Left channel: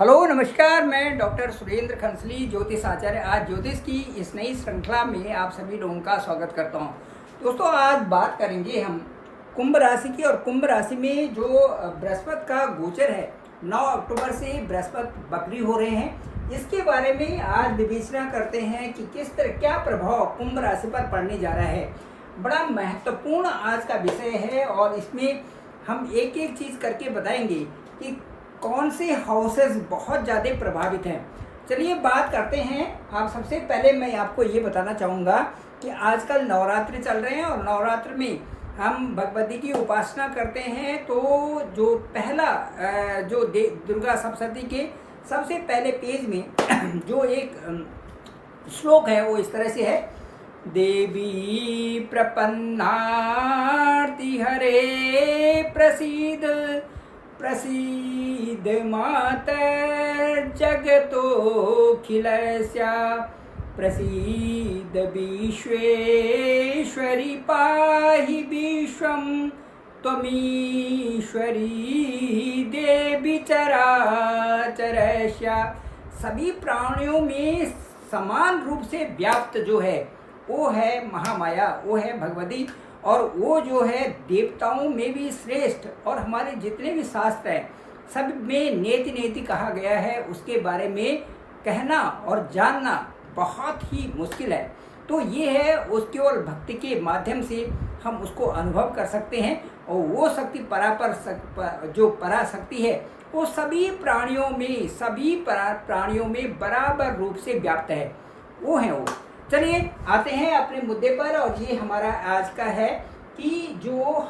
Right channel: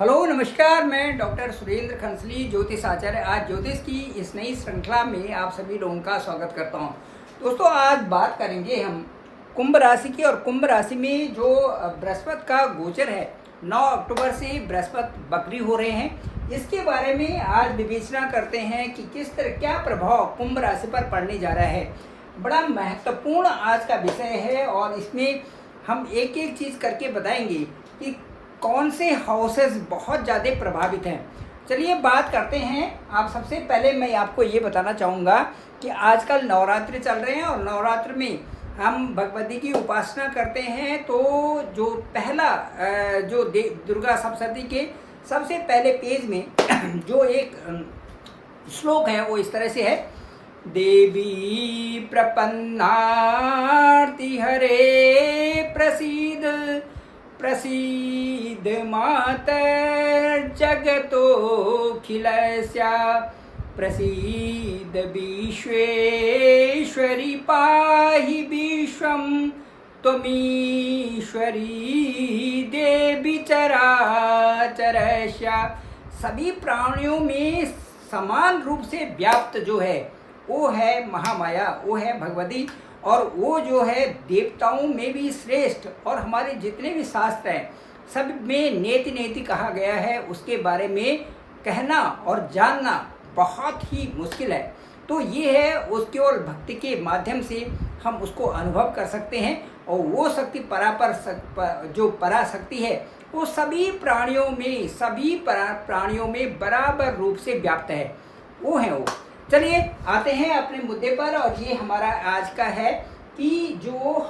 Hello नमस्कार, मैं doctor Surendra खंसली ज्योतिष आचार्य आज ज्योतिष की इस नई श्रृंखला में आप सभी लोगों का स्वागत करता हूं। दोस्तों, आज बात करेंगे हम कुंभ राशि की। और कुंभ राशि में जो बृहस्पति का गोचर है, 9 अक्टूबर से बृहस्पति बकरी हो रहे हैं, इसके बारे में आज विवेचना करते हैं कि किस तरह क्या प्रभाव कुंभ राशि पर पड़ने जा रहा है। बड़ा महत्वपूर्ण आज का विषय है और इसमें हम एक एक चीज़ करके बताएंगे कि कौन से हाउसेस बहुत ज़्यादा प्रभावित हैं। चलिए बात करते हैं। आप सबसे पहले मैं आपको ये बताना चाहूँगा कि आजकल नवरात्रि चल रहे हैं और नवरात्र में हम भगवती की उपासना करते हैं। तो जो पहला जो दुर्गा सप्तशती के सबसे पहले पेज में जो एक श्लोक है वो इस तरह से है। देवी प्रपन्नार्ति हरे प्रसीद प्रसीद मातर्जगतोऽखिलस्य प्रसीद विश्वेश्वरी पाहि विश्वं त्वमीश्वरी देवी चराचरस्य। सभी प्राणियों में समान रूप से व्याप्त जो है वो है महामाया, वो है भगवती। और वो जो है देवताओं में भी श्रेष्ठ, और हमारे जितने भी शास्त्र हैं सब में नेति नेति कहा गया है। उसके बारे में कहना और जानना बहुत ही मुश्किल है। तो ये है उस केवल भक्ति के माध्यम से हम उसको अनुभव कर सकते हैं। और वो शक्ति जो पराशक्ति है वो सभी प्राणियों में बराबर रूप से व्याप्त है, वो है वो। चलिए आते हैं अपने मुद्दे पर। और ये हमारा आज का है कि जो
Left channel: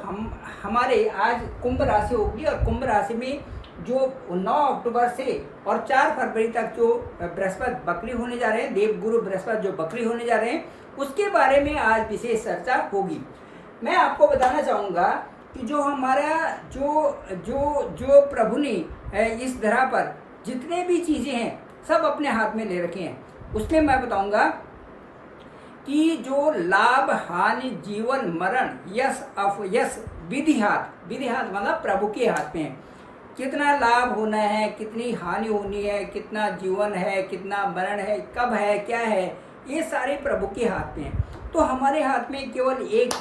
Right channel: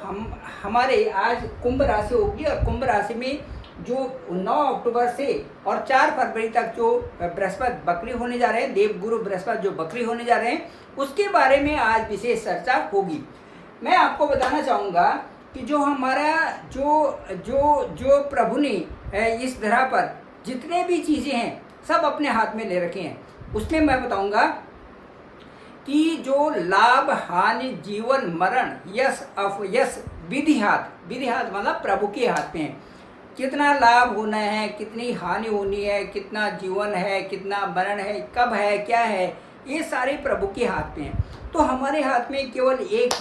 हमारे आज कुंभ राशि होगी, और कुंभ राशि में जो 9 अक्टूबर से और 4 फरवरी तक जो बृहस्पति बकरी होने जा रहे हैं, देवगुरु बृहस्पति जो बकरी होने जा रहे हैं, उसके बारे में आज विशेष चर्चा होगी। मैं आपको बताना चाहूँगा कि जो हमारा जो प्रभु ने इस धरा पर जितने भी चीज़ें हैं सब अपने हाथ में ले रखे हैं। उसमें मैं बताऊँगा कि जो लाभ हानि जीवन मरण यश अपयश विधि हाथ मतलब प्रभु के हाथ में है। कितना लाभ होना है, कितनी हानि होनी है, कितना जीवन है, कितना मरण है, कब है, क्या है, ये सारे प्रभु के हाथ में है। तो हमारे हाथ में केवल एक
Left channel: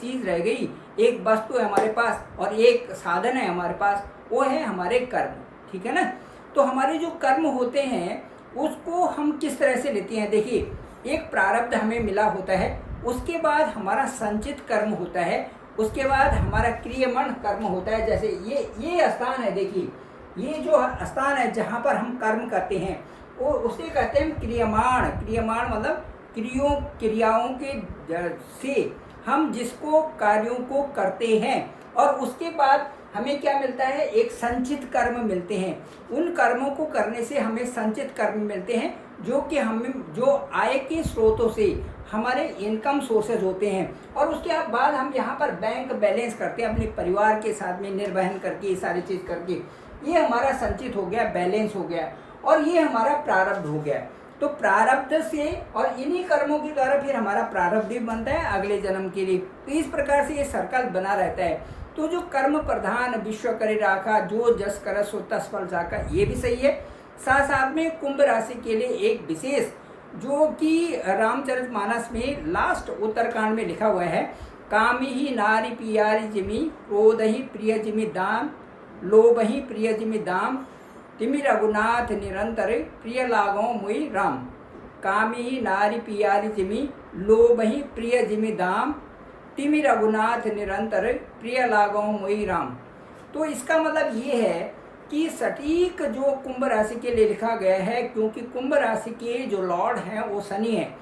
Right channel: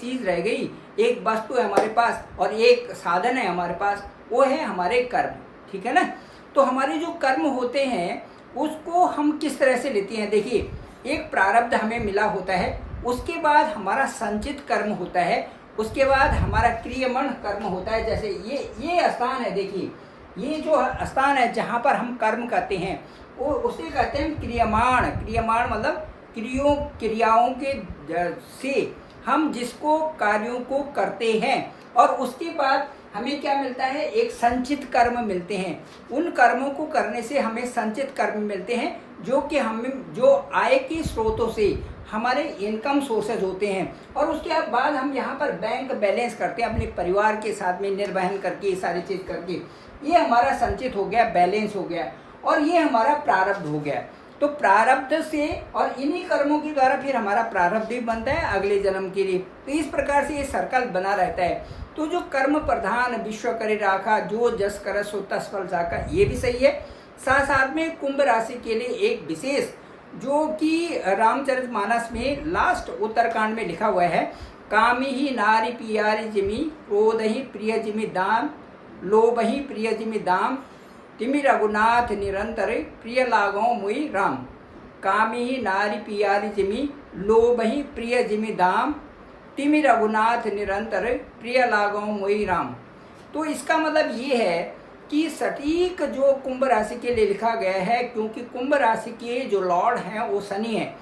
चीज़ रह गई, एक वस्तु है हमारे पास और एक साधन है हमारे पास, वो है हमारे कर्म। ठीक है ना। तो हमारे जो कर्म होते हैं उसको हम किस तरह से लेते हैं। देखिए, एक प्रारब्ध हमें मिला होता है, उसके बाद हमारा संचित कर्म होता है, उसके बाद हमारा क्रियमाण कर्म होता है। जैसे ये स्थान है, देखिए ये जो स्थान है जहाँ पर हम कर्म करते हैं वो उसे कहते हैं क्रियमाण। क्रियमाण मतलब क्रियाओं के से हम जिसको कार्यों को करते हैं, और उसके बाद हमें क्या मिलता है, एक संचित कर्म मिलते हैं। उन कर्मों को करने से हमें संचित कर्म मिलते हैं जो कि हमें जो आय के स्रोतों से हमारे इनकम सोर्सेज होते हैं। और उसके बाद हम यहाँ पर बैंक बैलेंस करते हैं अपने परिवार के साथ में निर्वहन करके, ये सारी चीज़ करके। ये हमारा संचित हो गया, बैलेंस हो गया, और ये हमारा प्रारब्ध हो गया। तो प्रारब्ध से और इन्हीं कर्मों के द्वारा फिर हमारा प्रारब्ध भी बनता है अगले जन्म के लिए। तो इस प्रकार से ये सर्कल बना रहता है। तो जो कर्म प्रधान विश्व करे राखा, जो जस कर सो तस फल जाका, ये भी सही है। साथ साथ में कुंभ राशि के लिए एक विशेष जो कि रामचरितमानस में लास्ट उत्तरकांड में लिखा हुआ है। कामी ही नारी पियारी जिमी, क्रोध ही प्रिय जिमी दाम, लोभ ही प्रिय जिमी दाम, तिमि रघुनाथ निरंतर प्रिय लागो मुई राम। कामी ही नारी पियारी जिमी, लोभ ही प्रिय जिमी दाम, तिमि रघुनाथ निरंतर प्रिय लागो मुई राम। तो इसका मतलब ये है कि सटीक जो कुंभ राशि के लिए लिखा गया है, क्योंकि कुंभ राशि के जो लॉर्ड हैं वो शनि है।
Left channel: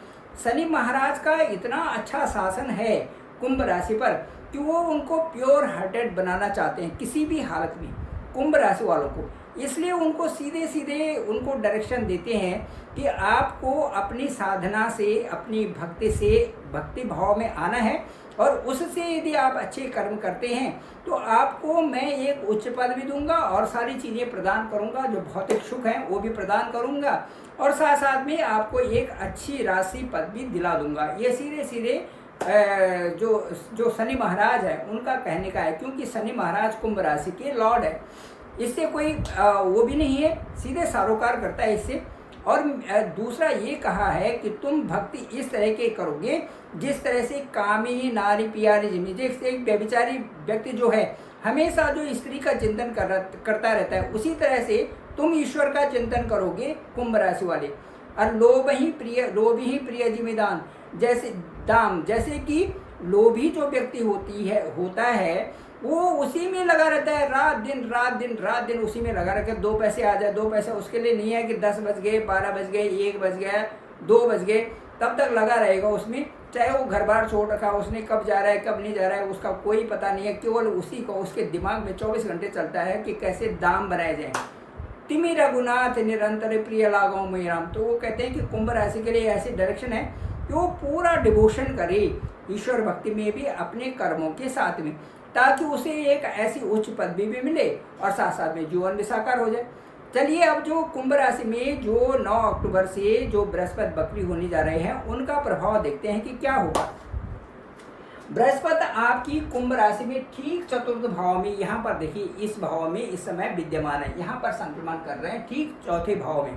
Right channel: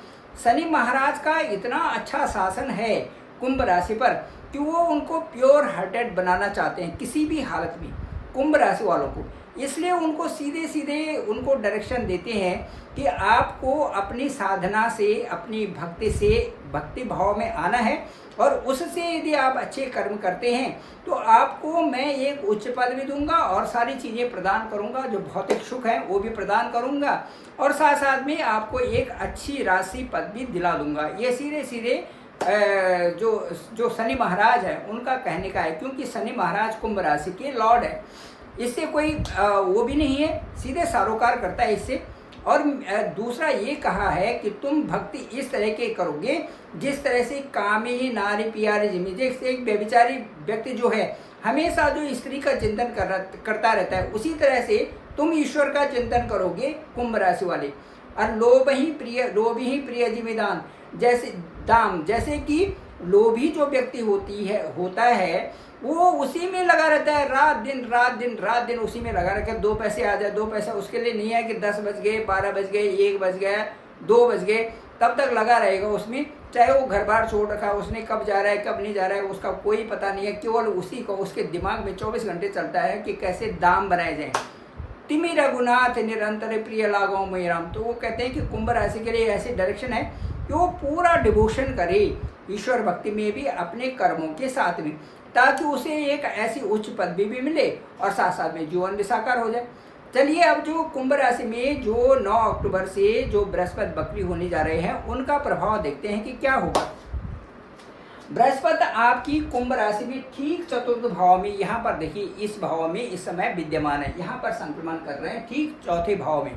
शनि महाराज का इतना अच्छा शासन है कुंभ राशि पर कि वो उनको प्योर हार्टेड बनाना चाहते हैं किसी भी हालत में, कुंभ राशि वालों को। इसलिए उनको सीधे उनको डायरेक्शन देते हैं कि आपको अपनी साधना से, अपनी भक्ति से भक्ति भाव में आना है, और उससे यदि आप अच्छे कर्म करते हैं तो आपको मैं एक उच्च पद भी दूंगा और सारी चीज़ें प्रदान करूंगा, जो भौतिक सुख हैं वो भी प्रदान करूंगा, और साथ साथ में आपको एक अच्छी राशि पद भी दिला दूंगा। ये सीधे जो शनि महाराज हैं उनका कहने का है, क्योंकि शनि महाराज कुंभ राशि के लॉर्ड है। इससे कोई वो भी नहीं है, सीधे सरोकार करता है इससे। और दूसरा ये कहा है कि तुम भक्ति इस तरह के करोगे जिस तरह से कामी नारी प्यारी जिमी, जैसे एक व्यभिचारी व्यक्ति जो है हमेशा जो स्त्री का चिंतन करता रहता है, उसी तरह से तुम ईश्वर का चिंतन करोगे कुंभ राशि वाले। और लोभ ही प्रिय जिमीदान, जैसे दाम, जैसे कि लोभी जो व्यक्ति होता है वो उसी में लगा रहता है, रात दिन उसी में लगा रखे। 2 पैसे आ जाए, 2 पैसे, उसके लिए नहीं है कि 10 बज गए, 12 बज गए, 1 बज गया, 2 बज गए, तब तक लगा रहेगा उसमें। चाहे वो घर बार छोड़ रखा, उसने कब जा रहा है कब नहीं जा रहा है उसका कोई पता नहीं है, केवल उसी को उसके दिमाग में 24 घंटे चलता है कि कैसे दाम बनाए जाएं। तिमि रघुनाथ निरंतर प्रिय लागो मई राम। तो वो कहते हैं कि कुंभ राशि के लिए ऐसी डायरेक्शन है कि वो पूरा डिवोशन करे ईश्वर भक्ति में भी, अपने कर्मों के साथ में, ताकि उसे एक ऐसी उच्च पदवी भी मिले और साथ साथ में जीवन भी साकार हो जाए। चलिए अब जो कुंभ राशि में जो 9 अक्टूबर से जो बृहस्पति वक्री होने जा रहे हैं उनका प्रभाव देखते हैं कि क्या होगा। बृहस्पति आपकी कुंभ राशि में ठीक चतुर्थ भाव में, यहाँ पर देखिए इस भाव में इस समय विद्यमान है, यहाँ पर संक्रमण कर रहे हैं ठीक चौथे भाव में।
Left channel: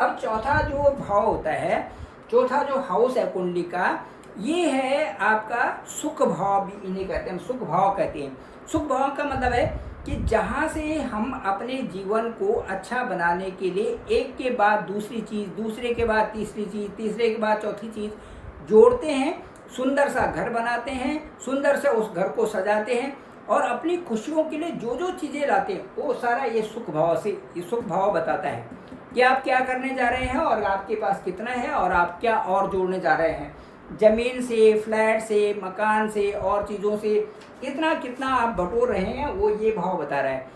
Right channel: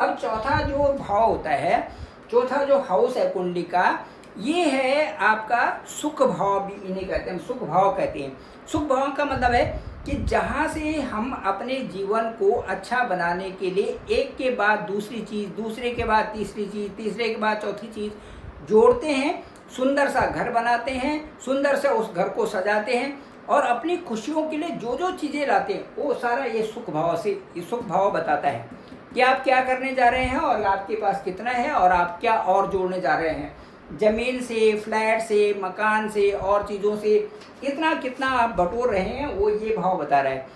अब चौथा जो भाव होता है, चौथा जो हाउस है कुंडली का, ये है आपका सुख भाव भी इन्हें कहते हैं, सुख भाव कहते हैं। सुख भाव का मतलब है कि जहाँ से हम अपने जीवन को अच्छा बनाने के लिए एक के बाद दूसरी चीज़, दूसरे के बाद तीसरी चीज़, तीसरे के बाद चौथी चीज़ जोड़ते हैं, सुंदर सा घर बनाते हैं, सुंदर से उस घर को सजाते हैं और अपनी खुशियों के लिए जो जो चीज़ें लाते हैं वो सारा ये सुख भाव बताता है कि आप क्या करने जा रहे हैं और आपके पास कितना है और आप क्या और जोड़ने जा रहे हैं। ज़मीन से, फ्लैट से, मकान से और चीज़ों से इतना कितना आप बटोर रहे हैं वो ये भाव बता रहा है।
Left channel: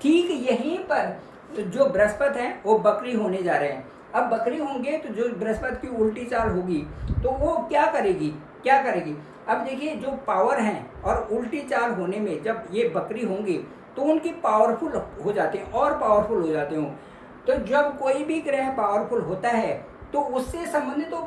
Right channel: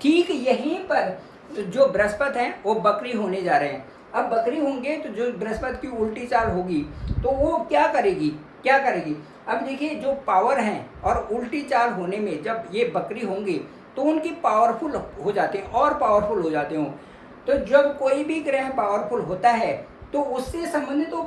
ठीक यहीं पर जो बृहस्पति हैं वो बकरी होने जा रहे हैं। अब बकरी होंगे तो जो बृहस्पति की उल्टी चाल होगी तो वो क्या करेगी। अब देखिए जो पावर हैं और उल्टी चाल होने में जब ये बकरी होंगे तो उनकी पावरफुल हो जाते हैं और पावरफुल हो जाते हों। तो जब कोई भी ग्रह पावरफुल होता है तो उससे संबंधित तो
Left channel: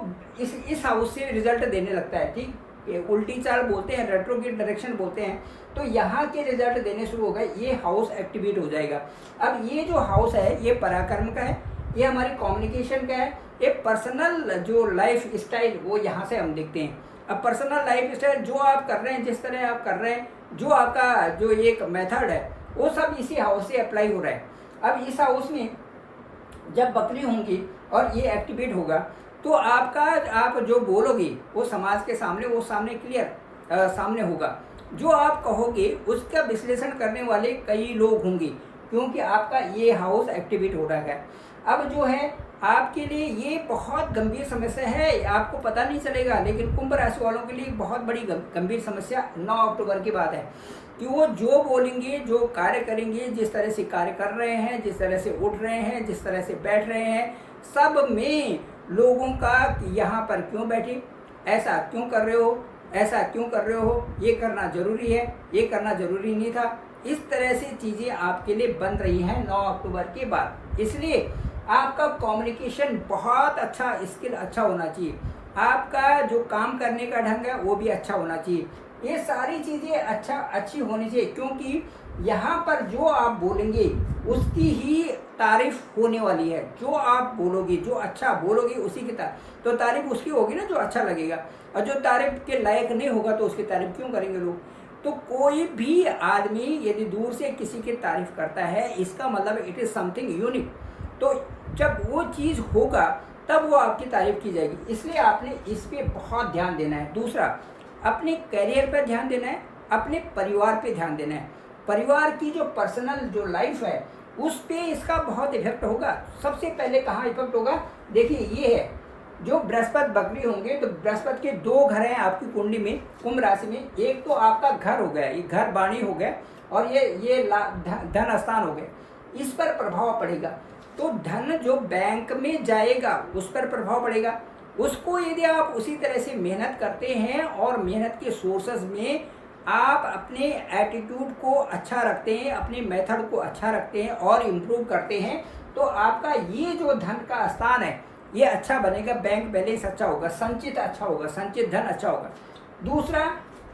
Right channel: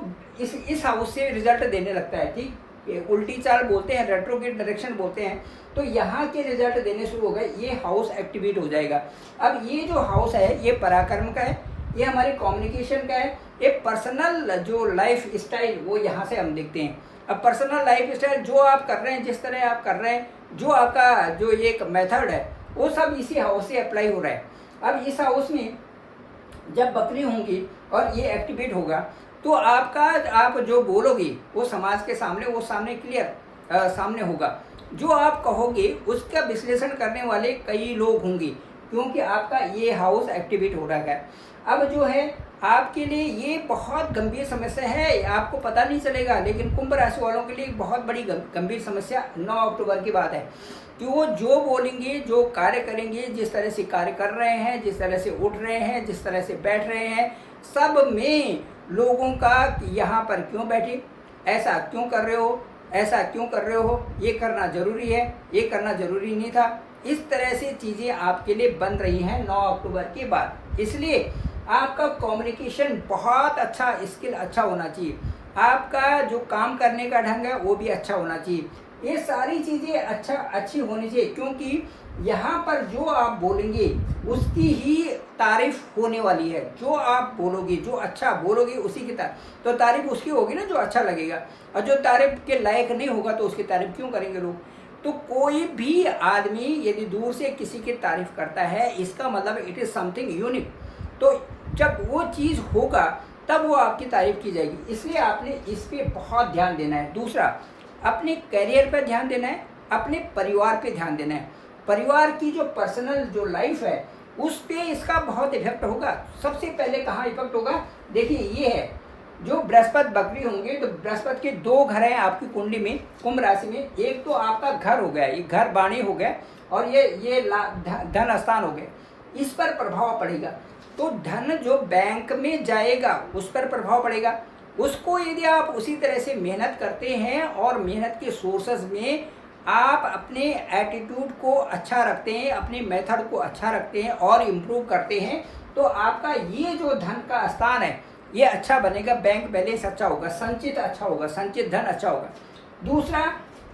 इस हाउस से रिजल्ट देने लगता है। ठीक, उल्टी चाल बोलते हैं, रेट्रोग्रेड डायरेक्शन बोलते हैं, तो यहाँ के रिजल्ट देने शुरू हो गए, ये हाउस एक्टिवेट हो जाएगा। अब ये जो हाउस है ये पराक्रम का है, ये हमारे कम्युनिकेशन का है, ये पर्सनल जो लाइफ स्टाइल वो यहाँ से हम देखते हैं। अब पर्सनल लाइफ स्टाइल जो आप कर रहे हैं, जिस तरह आप कर रहे हैं, जो आपका जो एक मेथड है वो सब इसी हाउस से अप्लाई हो रहा है। अब इस हाउस में जब बकरी होंगी और ये एक्टिवेट होगा तो आप जो बोलोगे वो समाज के सामने वो क्लियर सामने होगा। जो आप कहोगे उसका विश्लेषण करने वाले कई लोग होंगे क्योंकि आपका ये हाउस एक्टिवेट हो रहा है। अब जो है आपके लिए ये बहुत गंभीर समस्या है, आपको पता नहीं चलेगा, लेकिन कुंभ राशि वालों के लिए एक बहुत बड़ी गंभीर समस्या 9 अक्टूबर की बात है कि वो जो बोलेंगे, जो कार्य करेंगे, जिस तरह से कार्य कर रहे हैं, जिस तरह से उठ रहे हैं, जिस तरह से बैठ रहे हैं, सब में लोगों का यहाँ पर क्यों बैठे, ऐसा क्यों कर रहे हो, ऐसा क्यों कर रहे हो, ये करना ज़रूरी है, ये करना ज़रूरी नहीं था, इस तरह से चीज़ें आपके लिए बन रही हैं 9 अक्टूबर के बाद। इसलिए आपका कम्युनिकेशन बहुत अच्छा, स्किल अच्छा होना चाहिए, आपका जो काम करने का ढंग है वो भी अच्छा होना चाहिए, ये सारी चीज़ें अच्छी होनी चाहिए, क्योंकि यहाँ पर जो आप बोलेंगे उसकी ही तारीफ होने वाली है। जो आप बोलोगे, जो अच्छा बोलोगे उसी की तो तारीफ उसकी होगी ना जो अच्छा लगेगा, और जो तारीफ के लायक नहीं होगा तो उसकी तारीफ क्यों करेंगे लोग। तो कोई भी आदमी यदि दूर से किसी की तारीफ करता है इसका मतलब इट इज़ समथिंग यूनिक, तो जब वो चीज़ होगा तब वो आपकी तारीफ की जाएगी। इसलिए आपने इस पर बहुत ध्यान देना है। दूसरा, अपने करियर पर ध्यान देना है, अपने परिवार पे ध्यान देना है। परिवार की जो पर्सनल जो लाइफ है उस पे इसका बहुत इफेक्ट होगा। सबसे पहले कहाँ इफेक्ट होगा, देखिए ये है जो बृहस्पति बकरी होंगे तो बृहस्पति के 2 घर हैं आपकी कुंडली में, कुंभ राशि में। एक तो आपका घर हो गया, ये घर बाणी हो गया, और ये धन स्थान हो गया, इस पर प्रभाव पड़ेगा। तो धन जो बैंक में जाएगा उस पर प्रभाव पड़ेगा। उसको यदि आप उसी तरह से मेहनत करते हैं और मेहनत के सोर्सेज में आप अपने एटीट्यूड को अच्छा रखते हैं, अपने मेथड को अच्छा रखते हैं और इम्प्रूव करते हैं, तो आपका ये जो धन का स्थान है ये अच्छा बनेगा, बैंक बैलेंस अच्छा होगा, संचित अच्छा होगा, संचित धन अच्छा होगा। दूसरा,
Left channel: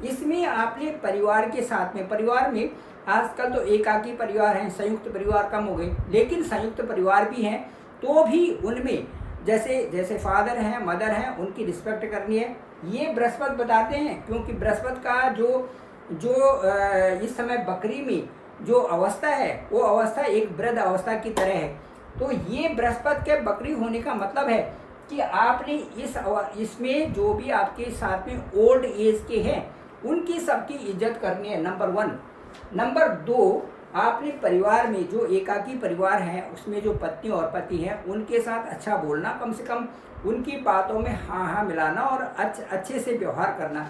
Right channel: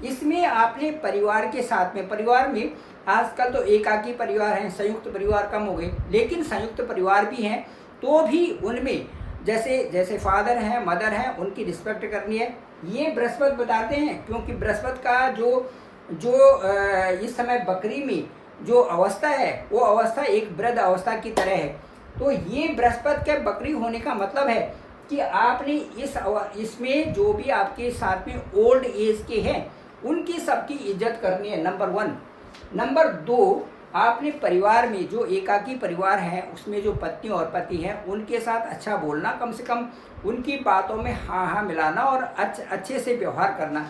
इसमें आपने परिवार के साथ में, परिवार में आजकल तो एकाकी परिवार हैं, संयुक्त परिवार कम हो गए, लेकिन संयुक्त परिवार भी हैं तो भी उनमें जैसे जैसे फादर हैं, मदर हैं, उनकी रिस्पेक्ट करनी है। ये बृहस्पति बताते हैं, क्योंकि बृहस्पति का जो जो इस समय बकरी में जो अवस्था है वो अवस्था एक वृद्ध अवस्था की तरह है। तो ये बृहस्पति के बकरी होने का मतलब है कि आपने इसमें जो भी आपके साथ में ओल्ड एज के हैं उनकी सबकी इज्जत करनी है, नंबर 1। नंबर 2, आपने परिवार में जो एकाकी परिवार है उसमें जो पत्नी और पति हैं उनके साथ अच्छा बोलना, कम से कम उनकी बातों में हाँ हाँ मिलाना और अच्छे से व्यवहार करना,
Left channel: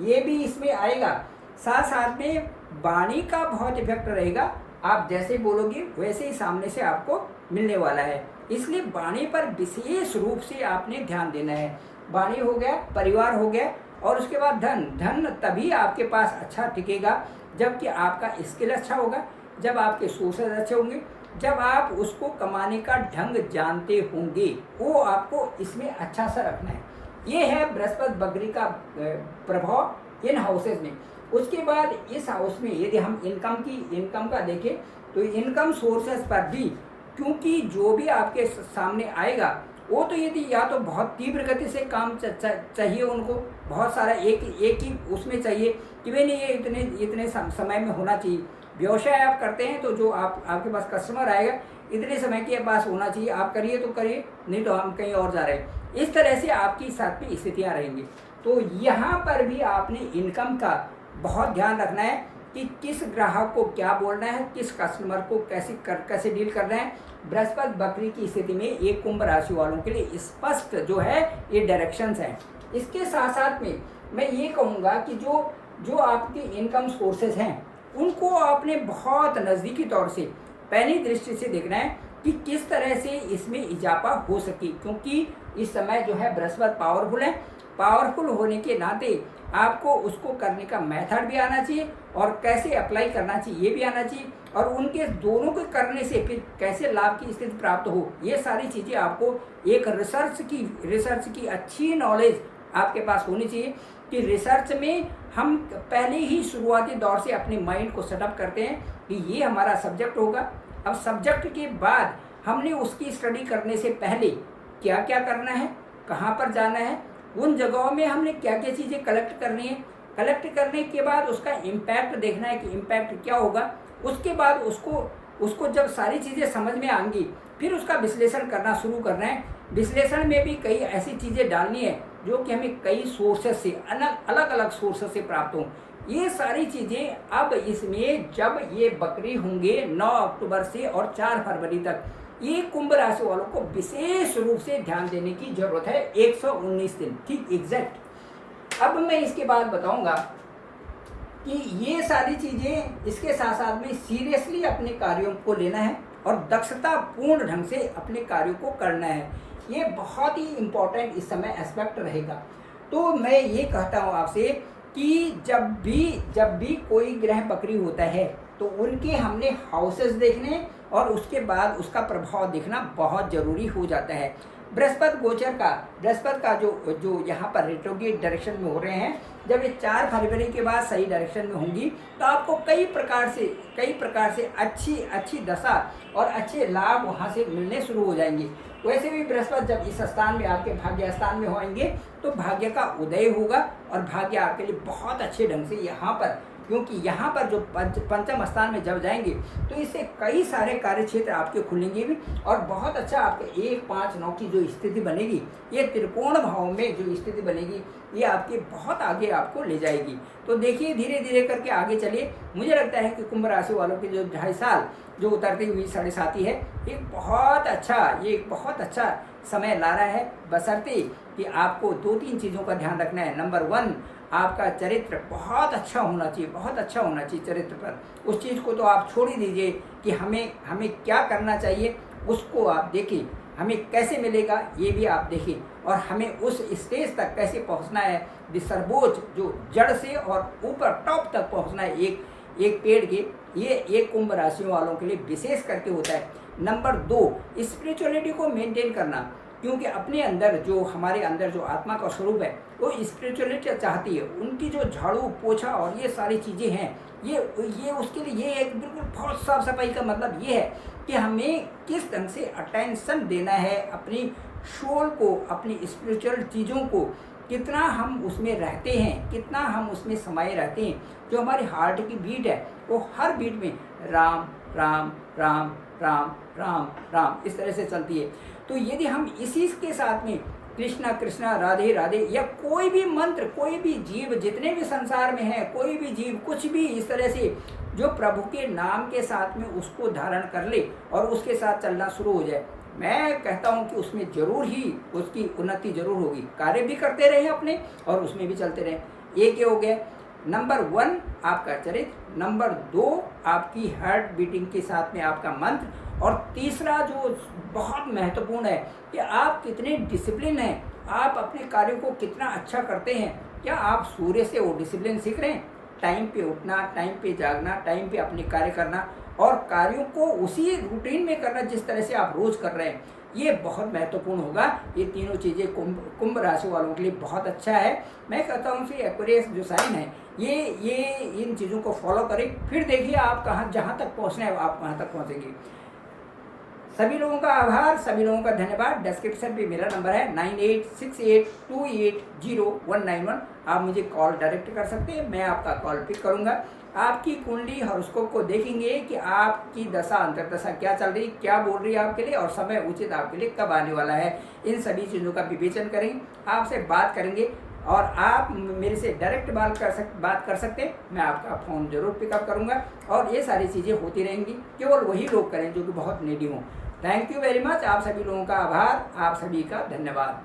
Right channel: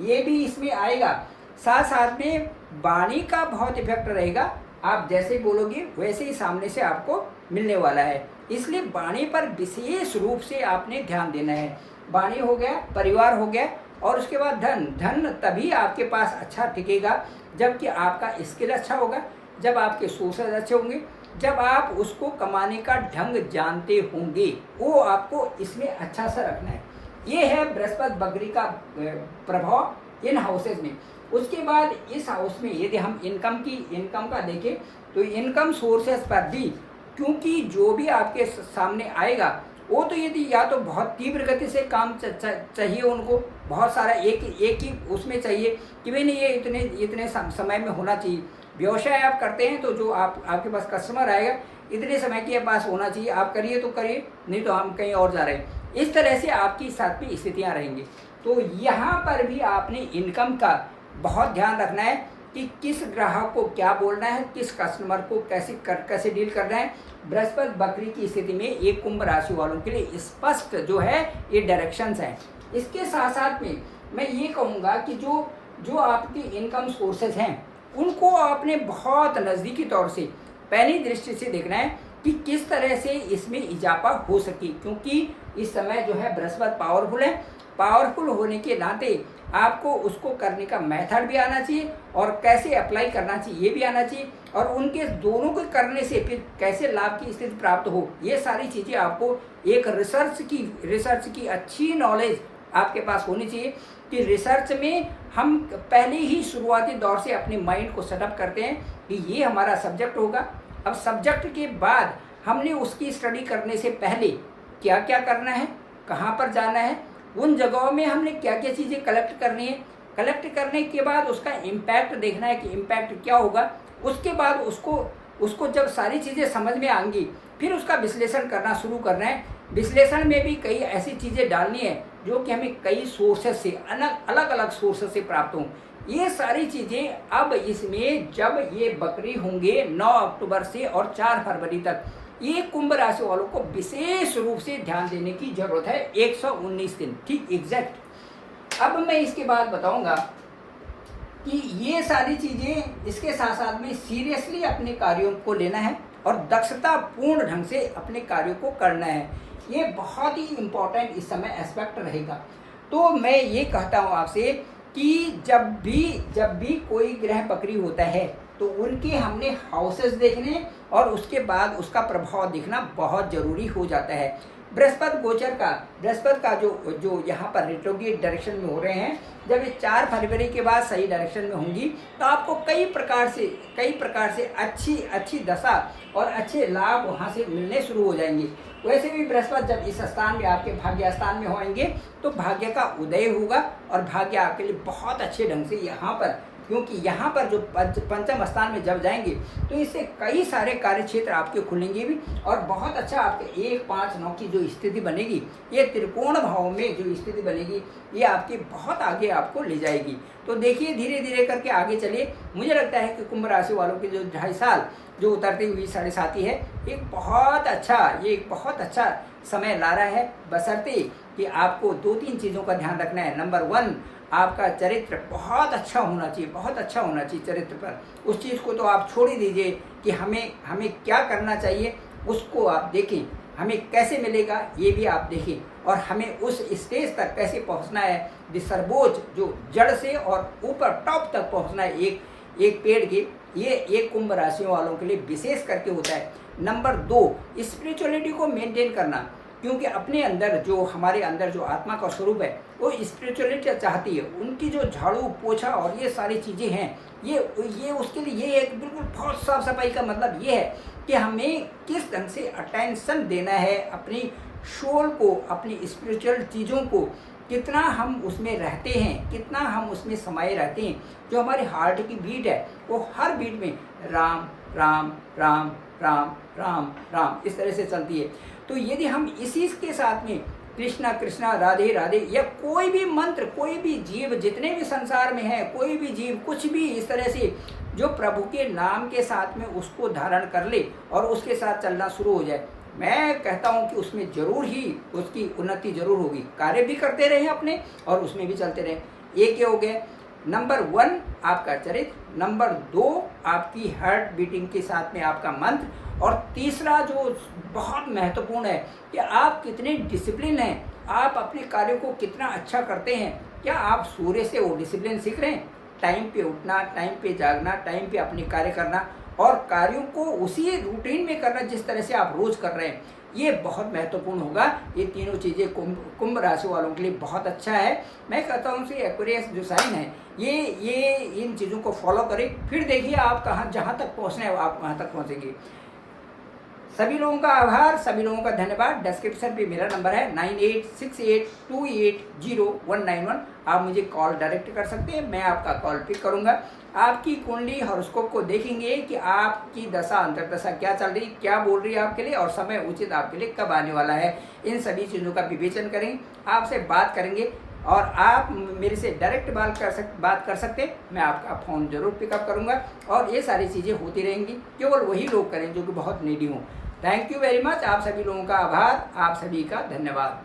ये भी इसमें आएगा। साथ साथ में वाणी का बहुत इफेक्ट रहेगा, आप जैसे बोलोगे वैसे ही सामने से आपको मिलने वाला है, इसलिए वाणी पर विशेष रूप से आपने ध्यान देना है। वाणी हो गया, परिवार हो गया, और उसके बाद धन तभी आपके पास अच्छा टिकेगा जबकि आपका स्किल अच्छा होगा, जब आपके सोर्सेज अच्छे होंगे, जब आप उसको कमाने का ढंग जानते होंगे, वो आपको इसमें अच्छा सा रखना है। ये है बृहस्पति बकरी का प्रभाव इन हाउसेज में। उसके बाद इस हाउस में यदि हम इनकम का देखें तो इनकम सोर्सेज पर भी, क्योंकि जो भी आपके सामने आएगा वो तो यदि या तो बहुत तीव्र गति से काम चाहिए, उनको बहुत सारा एक ही उसमें चाहिए कि भाई नहीं ये इतने समय में होना चाहिए। व्यवसाय आप करते हैं तो जो आपके पास कस्टमर आएगा इतने समय के पास होना चाहिए, आप करिए तो करिए, नहीं तो हम कहीं और जा रहे हैं। इस तरह से आपकी साथ में स्थितियाँ रहेंगी। तो यहाँ पर भी आपने इनकम का बहुत ध्यान रखना है कि किस ग्राहक को क्या बोलना है, किस कस्टमर को कैसे डील करना है। बृहस्पति बकरी की स्थिति में एक कुंभ राशि वालों के लिए स्पष्ट जो है ये डायरेक्शंस हैं। इसके साथ साथ में मैं ये कहूँगा कि जो आपके इनकम सोर्सेज हैं उनको आपने बहुत नज़दीकी तौर से पहली दृष्टि से देखना है कि किस तरह से इसमें इजाफा हो सके, क्योंकि इस समय जो है बृहस्पति पावरफुल है। पावरफुल होने के नाते आपको उसको करने का मेथड भी आना चाहिए और कैसे अप्लाई करना चाहिए ये भी आना चाहिए, और उनके दोनों को करने से फिर कैसे लाभ की स्थिति प्राप्त हो, ये सारी चीज़ें आपको एक रिसर्च की अच्छी नॉलेज आपके पास होनी चाहिए। कि रिसर्च में हम पहले ही शुरुआती दौर से अपने माइंड को सेटअप करते हैं कि ये हमारा सब्जेक्ट होगा। अब सब्जेक्ट के बाद हमने उसकी स्टडी करने से पहले क्या क्या करना है, कहाँ पर जाना है, उन जगहों में हमने क्या क्या चीज़ें कलेक्ट करनी है, कलेक्ट करने के बाद उसका इम्पैक्ट देखना है कि इम्पैक्ट क्या होगा। उसके बाद उसको जब सारी चीज़ें समझ में आएंगी फिर उसका विश्लेषण करना शुरू करना है। विश्लेषण में भी कई ऐसी चीज़ें डालनी है जो कि हमें कई सोर्सेस से अलग अलग सोर्सेस से प्राप्त हों। ये सारी चीज़ें अब इसमें जब ये बकरी होंगे 9 अक्टूबर से और 4 फरवरी तक, ये कुंभ राशि वालों को विशेष रूप से ध्यान देने की जरूरत है। 119 दिन ठीक एग्जैक्ट। अब मैं इसके बाद बताऊंगा कि ये सारी चीज़ें इसके साथ साथ में सीरियसली अपने कार्यों को लेना है और दक्षतापूर्ण ढंग से अपने कार्यों को करना है। ये बहुत ही इम्पोर्टेंट इस समय एस्पेक्ट रहेगा। तो मैं ये कहता हूँ आपसे कि जब भी कोई ग्रह बकरी होता है तो उनके हमने हाउसेस देखने और उसके बाद उसका प्रभाव देखना बहुत ज़रूरी हो जाता है। बृहस्पति का जो यहाँ पर रेट्रोग्रेड डायरेक्शन में हो रहे हैं, जब ये 4 फरवरी के बाद सही डायरेक्शन में होंगी तो आपको कई प्रकार से अच्छी दशा और अच्छे लाभ वहाँ से मिलने शुरू हो जाएंगे। वैसे भी बृहस्पति जब इस स्थान में आपके भाग्य स्थान में होंगे तो भाग्य का उदय होगा और भाग्य आपके लिए बहुत अच्छे ढंग से यहाँ पर, क्योंकि यहाँ पर जो पंचम स्थान में जब जाएंगे तो इससे कई सारे कार्य क्षेत्र आपके खुलेंगे भी और बहुत अच्छा आपके 1, 5, 9 की जो स्थिति बनेगी, ये त्रिकोण भाव में जो स्थिति बनेगी ये आपके बहुत आगे आपको ले जाएगी। तो देखिए धीरे धीरे करके आगे चलिए। मुझे लगता है कि कुंभ राशि वालों के जो 2.5 साल जो उतरती हुई 7.5 है एक बहुत अच्छा समय ला रहा है, बशर्ते कि आपको 2-3 चीज़ों का ध्यान रखना है। नंबर 1, आपका चरित्र बहुत अच्छा होना चाहिए चरित्र पर। उस चीज़ को तो आप छोड़ ही दीजिए कि हमें क्या करना चाहिए, उसको आप देखें, हमें कैसे मिलेगा ये भी आप देखें, और हमें उस स्टेज तक कैसे पहुंचना है, सर्वोच्च जो जड़ से और ऊपर टॉप तक पहुंचना है एक पेड़ के, ये एक कुंभ राशियों वालों के लिए विशेष करके होता है। नंबर 2, स्पिरिचुअलिटी को मेंटेन करना। क्योंकि अपने अंदर जो हमारे अंदर जो आत्मा का स्वरूप है वो स्पिरिचुअलिटी चाहती है। उनकी जो झाड़ू पोछा और ये सारी चीज़ें हैं, ये उसके लिए ये एक बिल्कुल बहुत साफ सफाई का मतलब ये है कि हमें किस ढंग से अटेंशन देना है अपनी सोल को, अपनी स्पिरिचुअल चीज़ों को, कितना हम उसमें रहते हैं, कितना हम उसमें समाये रहते हैं। जो हमारे हार्ट की बीट है वो हर बीट में राम राम राम राम राम राम इस तरह से चलती है। तो यदि हम इसी के साथ में कृष्णा कृष्णा राधे राधे या कोई भी मंत्र, कोई भी जीव जितने भी संसार में है, कोई भी जीव कुछ भी इस तरह से जो प्रभु के नाम के साथ में उसको धारण कर ले और उसके साथ चलना शुरू हो जाए, मैं कहता हूँ कि उसमें जरूर ही उसकी उन्नति जरूर होगी। कार्य भी करते रहे अपने और उसमें भी चलते रहे। एक हो गए नंबर 1 आपका चरित्र, नंबर 2 आपकी हार्ट बीटिंग के साथ में आपका मंत्र, और तीसरा जो बहुत महत्वपूर्ण है कि आप कितने डिसिप्लिन हैं, आप अपने कार्यों को कितना अच्छा करते हैं। क्या आप सूर्य से वो डिसिप्लिन सीख रहे हैं? टाइम पे उठना, टाइम पे जागना, टाइम पे अपने कार्य करना और कार्यों को उसी रूटीन में करना जिस तरह से आप रोज़ कर रहे हैं, ये बहुत महत्वपूर्ण होगा। ये तीनों चीज़ें कुंभ राशि वालों के लिए बहुत अच्छा है। मैं कहता हूँ कि एक्वेरियस जो साइन है ये इन चीज़ों को फॉलो करें, फिर देखिए आप कहाँ जहाँ तक पहुँचना है आप वहाँ तक पहुँचेंगे। सभी लोगों का आभार, सभी लोगों का धन्यवाद। डिस्क्रिप्शन पे मेरा नंबर है 9868280191। आप मुझे कॉल डायरेक्ट कर सकते हैं, मैं आपका कॉल पिक करूंगा। आपकी कुंडली हॉरोस्कोप को देखेंगे कि आपकी दशा अंतर्दशा क्या चल रही, क्या बोल रही है आपके लिए और समय उचित आपके लिए कब आने वाला है। इन सभी चीज़ों का विवेचन करेंगे, आपसे बात करेंगे और आप मेरे से डायरेक्ट बात कर सकते हैं। मैं आपका फ़ोन ज़रूर पिकअप करूंगा और ये सारी चीज़ें होती रहेंगी। केवल वही लोग करें जो कि बहुत नीडी हों। Thank you very much. आप सभी लोगों का आभार, आप सभी का धन्यवाद।